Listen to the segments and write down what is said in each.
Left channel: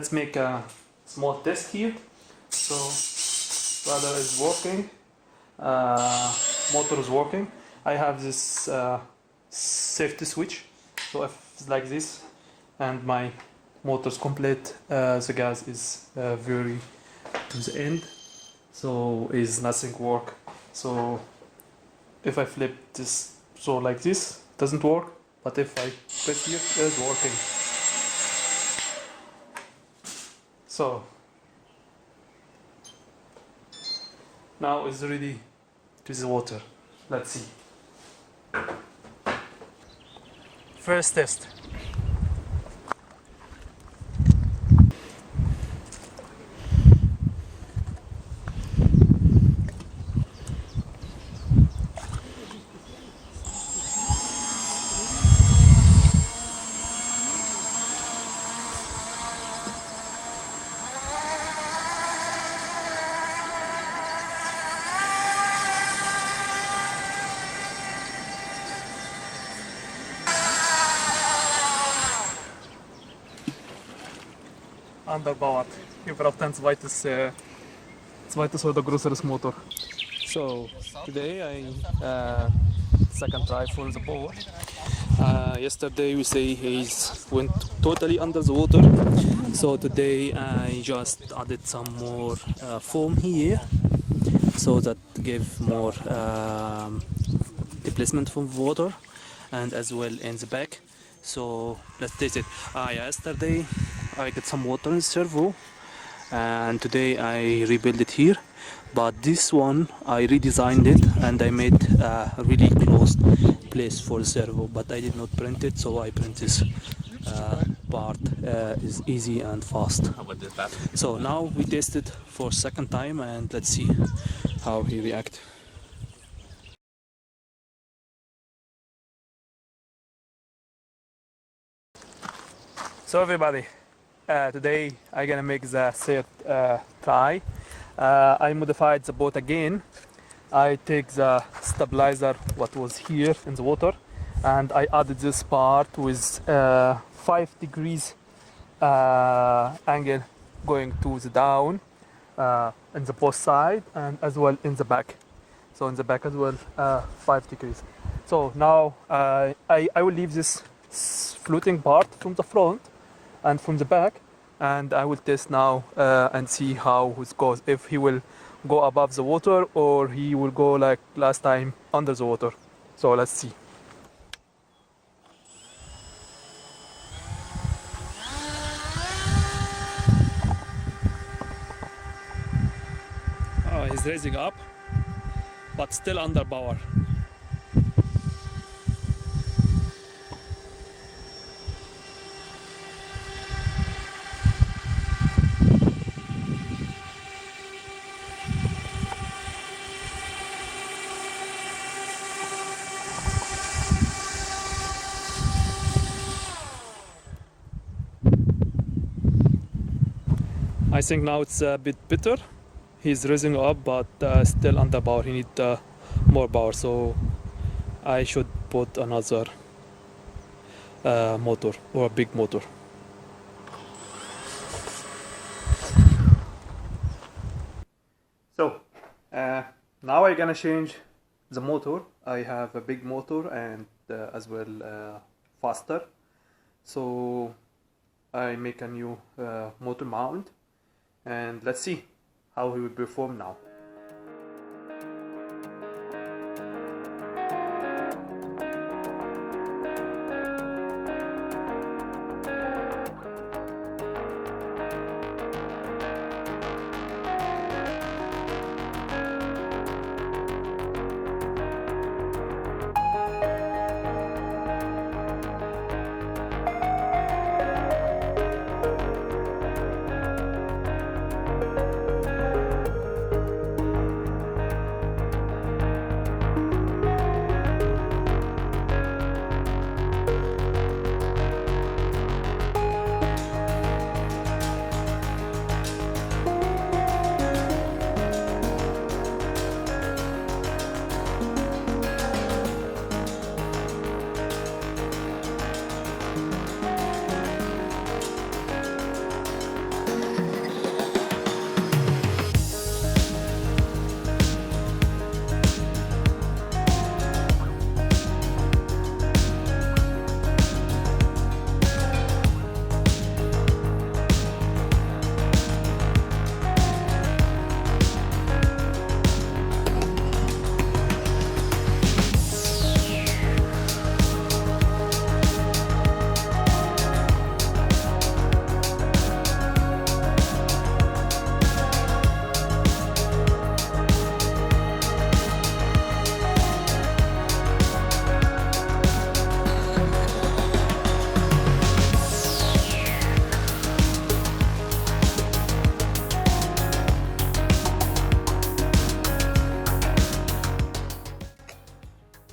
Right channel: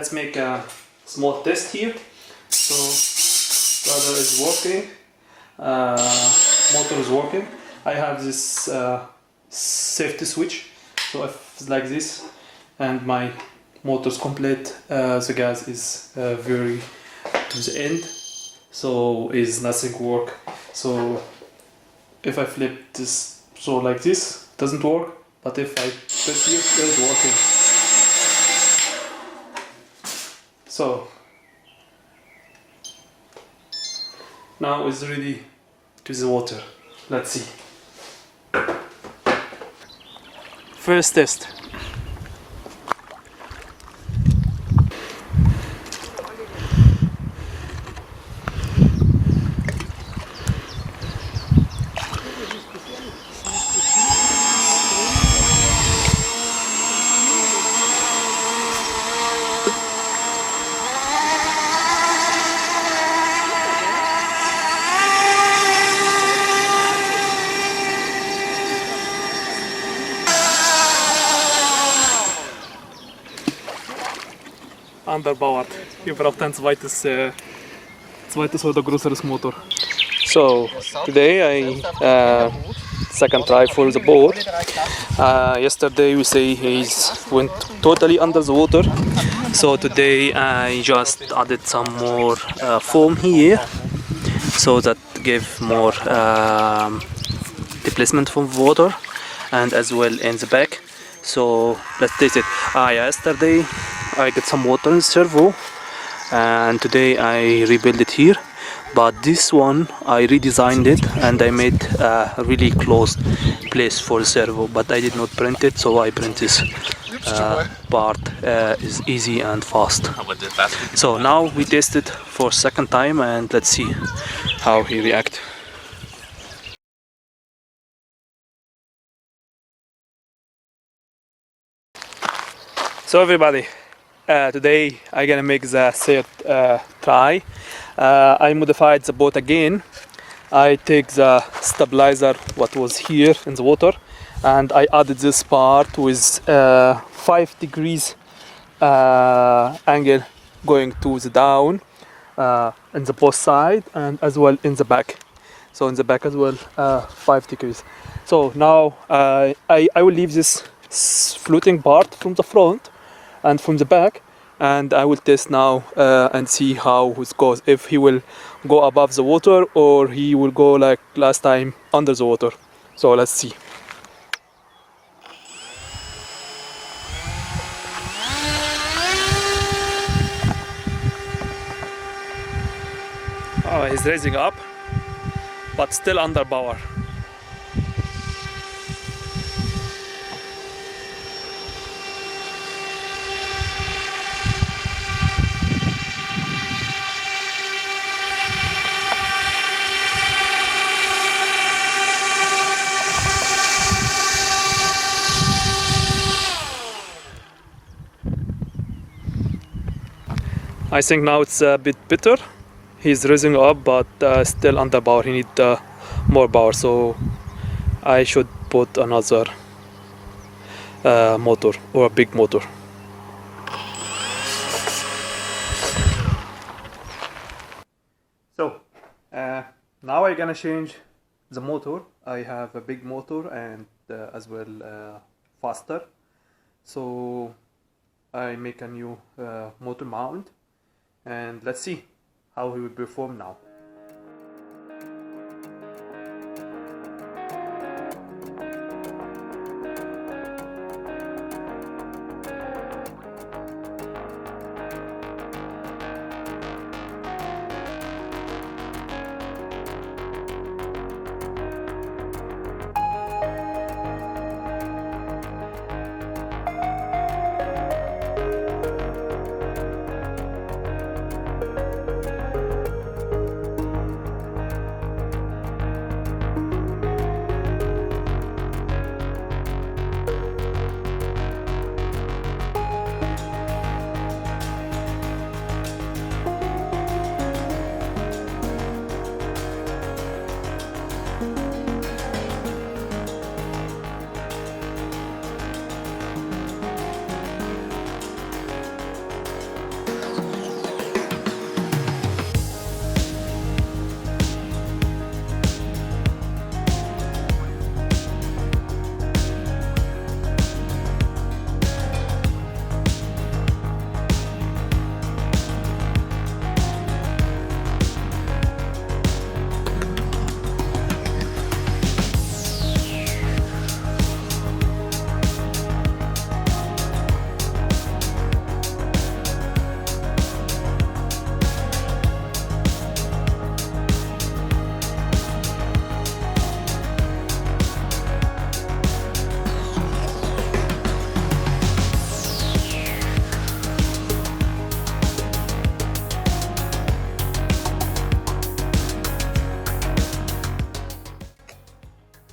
let's make a small test here. So rudder is working, motor is working. I have this safety switch, so if it's like this and my motor is complete, the gas is very to the end, so is nothing work. So if I flip this, so like this doesn't work, but if I press here, it's working. So now it's ready to the water. Let's see. First test. Underpowered. Wir brauchen ein zweites oder größeres Motor. So today I second try for the boat. Yesterday we say he went totally under the water. So today I just added some more foam here, so that give more displacement from water, and as well in the back. So let's taste it. Yesterday I get some water in the servo, and today I rebuild it here. But this one I redesigned it and I made a really closed place for the servo, but I did not print it, so I print this part is easy and fast. So now we test it for second time and let's see how he react. So everybody, today I'm gonna make the third try. I modified the boat again. I take the stabilizer what was here in the water, and I added this part with 5 degrees angle going to the down in the both side and as well in the back. So in the back as well 5 degrees. So now I will leave this floating part from the front and from the back, and I will test now and see how it goes, if he will go above the water or he will go like last time under the water. So let's see. He's raising up, but still under power. I think now it's a bit better. He's raising up, but still under power. He needs more power, so I should put another motor or a big motor. So now I'm gonna change the motor. I have a big motor and as well faster. So I make a new motor mount, and let's see how he will perform now.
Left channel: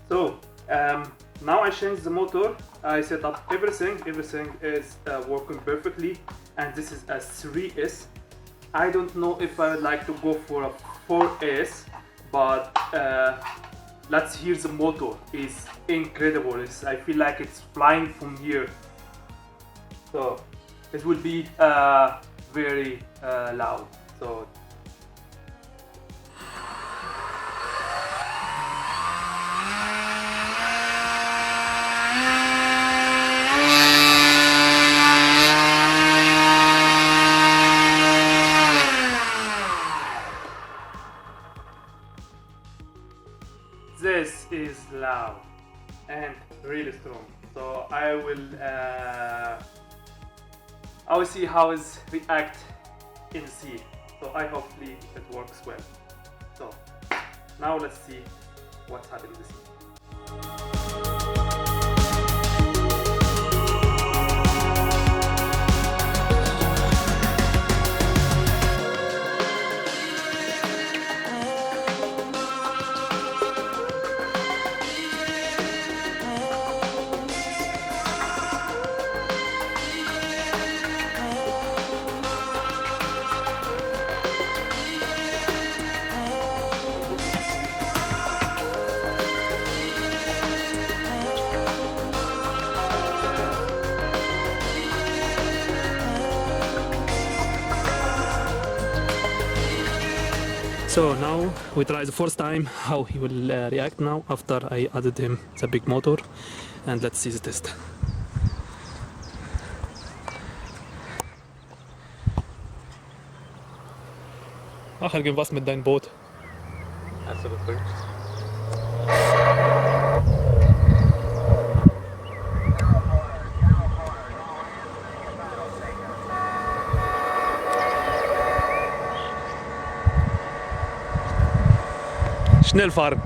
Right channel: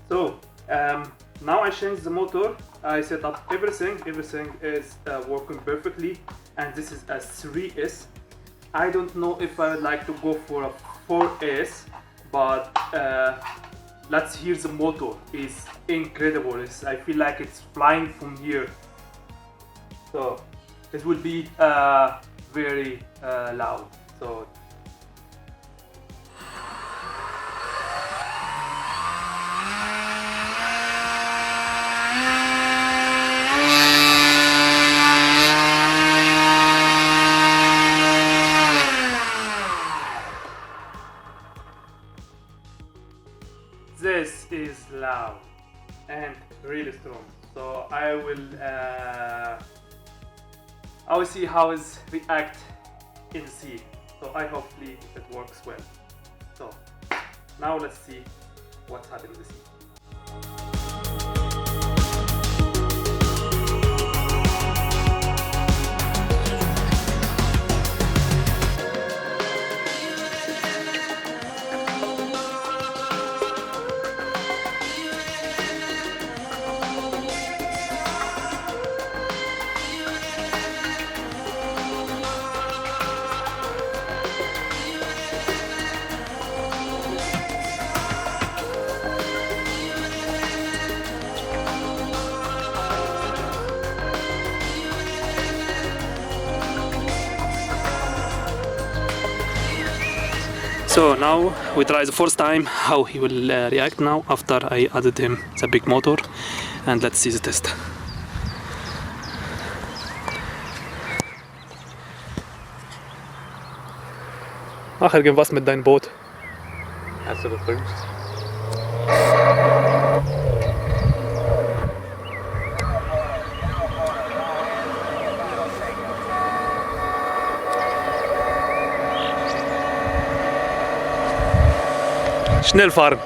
So now I changed the motor. I set up everything. Everything is working perfectly, and this is a 3S. I don't know if I would like to go for a 4S, but let's hear the motor. It's incredible. I feel like it's flying from here. So it will be very loud. So this is loud and really strong. So I will see how it react in the sea. So I hopefully it works well. So now let's see what's happening in the sea. So now we try the first time how he will react now after I added him the big motor, and let's see the test. Ach, irgendwas mit deinem Boot. Hast du geprüft? Schnell fahren.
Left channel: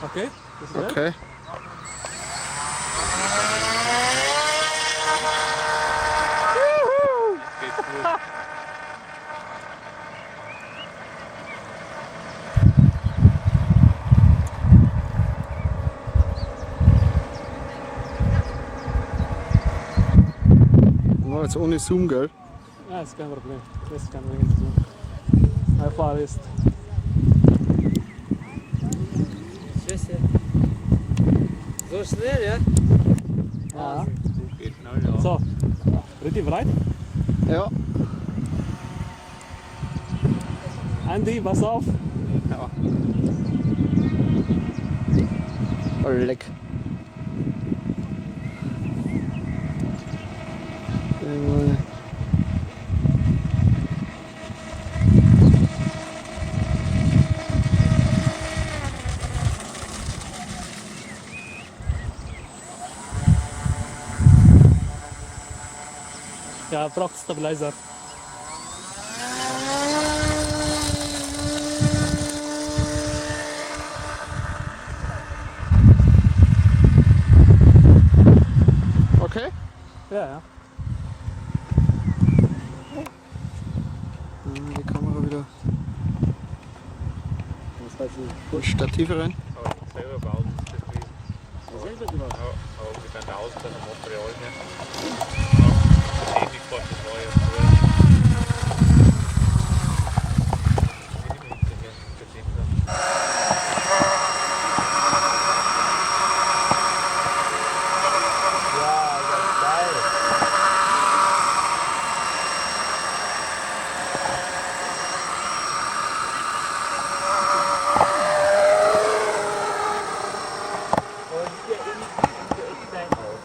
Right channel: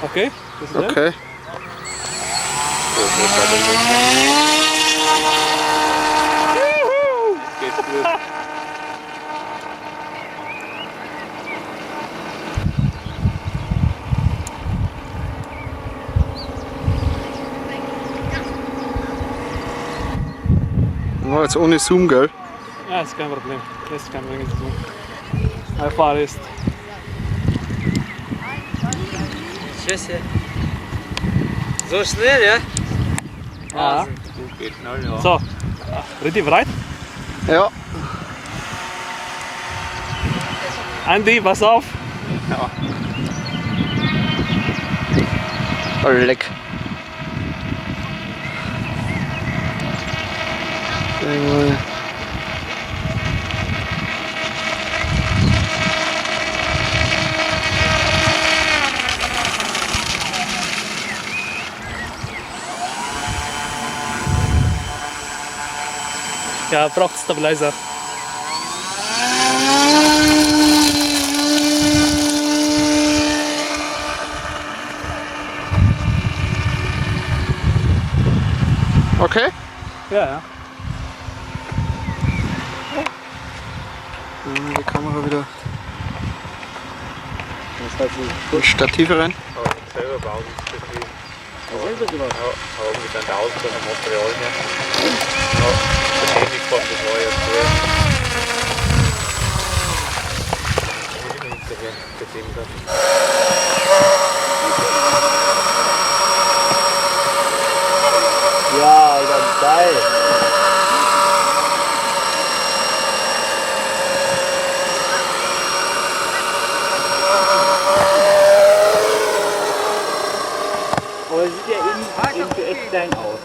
Okay, this is Okay. it. Oh, jetzt ohne Zoom, gell? Ja, ist kein Problem. Das ist kein Problem zu tun. Einfach ist. Tschüss. So schnell, ja? Ja. Geht schnell, ja. So, ready, bereit? Ja. Andy, pass auf. Ja. Oh, leck. Ja, braucht Stabilizer. Okay. Ja, ja. Die Kamera wieder. Die Stative rein. Selber bauen. Aber wir dann da aus von dem Material Ja, ganz geil. Aber es sieht ja irgendwie echt klein aus.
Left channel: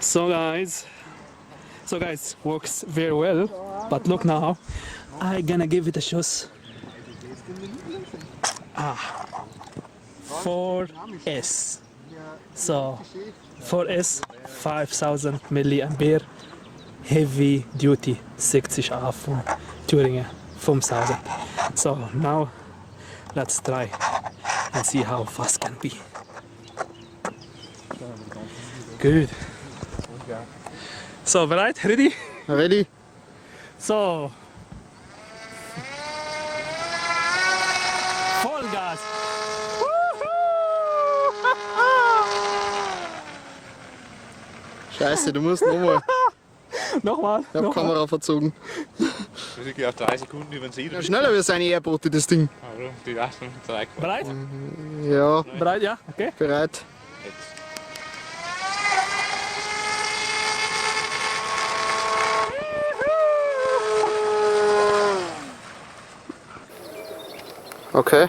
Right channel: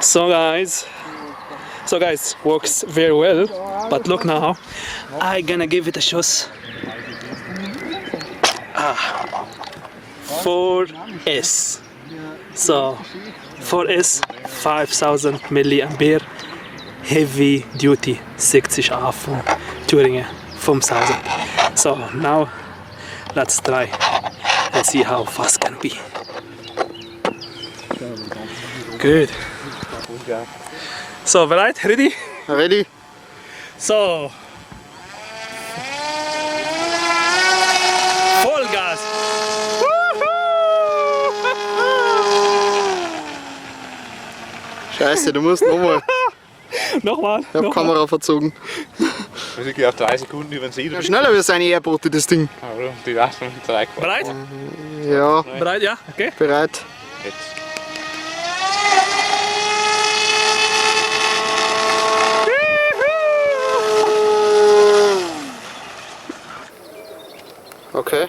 So guys, works very well. But look now, I gonna give it a shot. 4S. So 4S 5000 milliampere heavy duty 60 Affen Thüringen 5000. So now let's try and see how fast can be. Good. So bereit? Ready? Ready? So Vollgas! Scheiße, du musst nochmal. Nochmal, Ich hab nochmal. Kamera verzogen. Also ich gehe auf 3 Sekunden über den See. Ja, schneller wie seine Airboat, das Ding. Also, die Leistung zeigt. Bereit? Ja, Bereit, ja? Okay. bereit. Okay.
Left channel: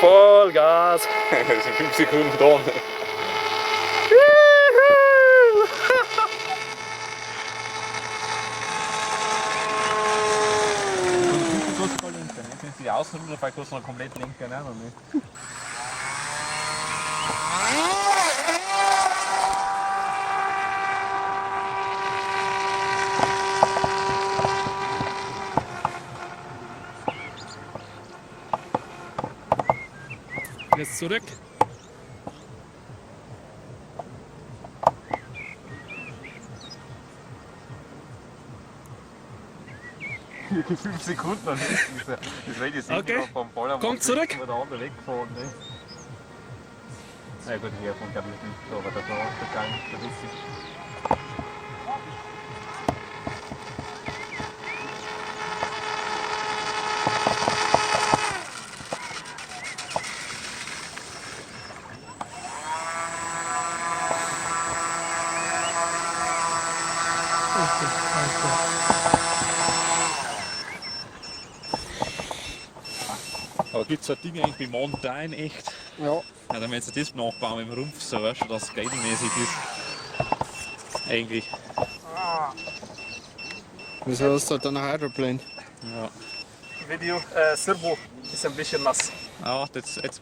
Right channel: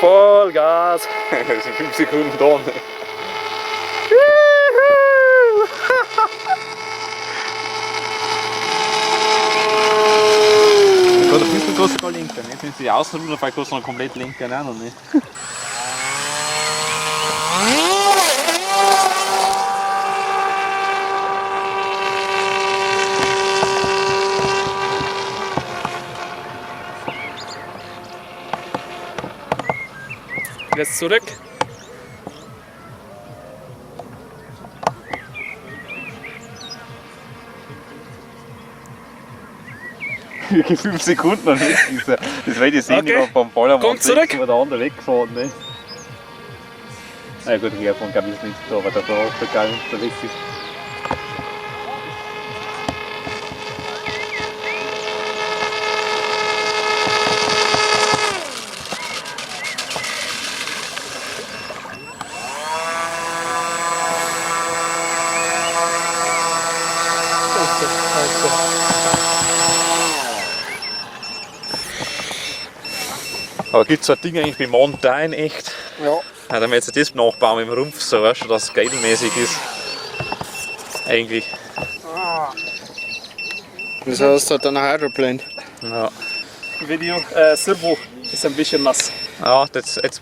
Vollgas! Das sind 5 Sekunden dran. Oder 5 kostet noch lenken. Jetzt wenn sie ausruhen, dann kostet noch komplett lenken auch noch nicht. Jetzt zurück. Wirklich 5 Sekunden noch nicht. Das werde ich sehen, Okay. beim Ball am Kommt zurück. wo der andere weggefahren ist. Na ja, gut, hiervon glaube ich ist nicht so, aber der geil unterwegs ist. Aber gibt es so ein Ding eigentlich wie Mountain echt? Ja. Ja, dann werden wir jetzt das nachbauen im Rumpf, so weißt du, dass es geilmäßig ist. Eigentlich. Das heißt halt eine Hydroplane. Ja. Video, Servo ist ein bisschen nass. Ja, jetzt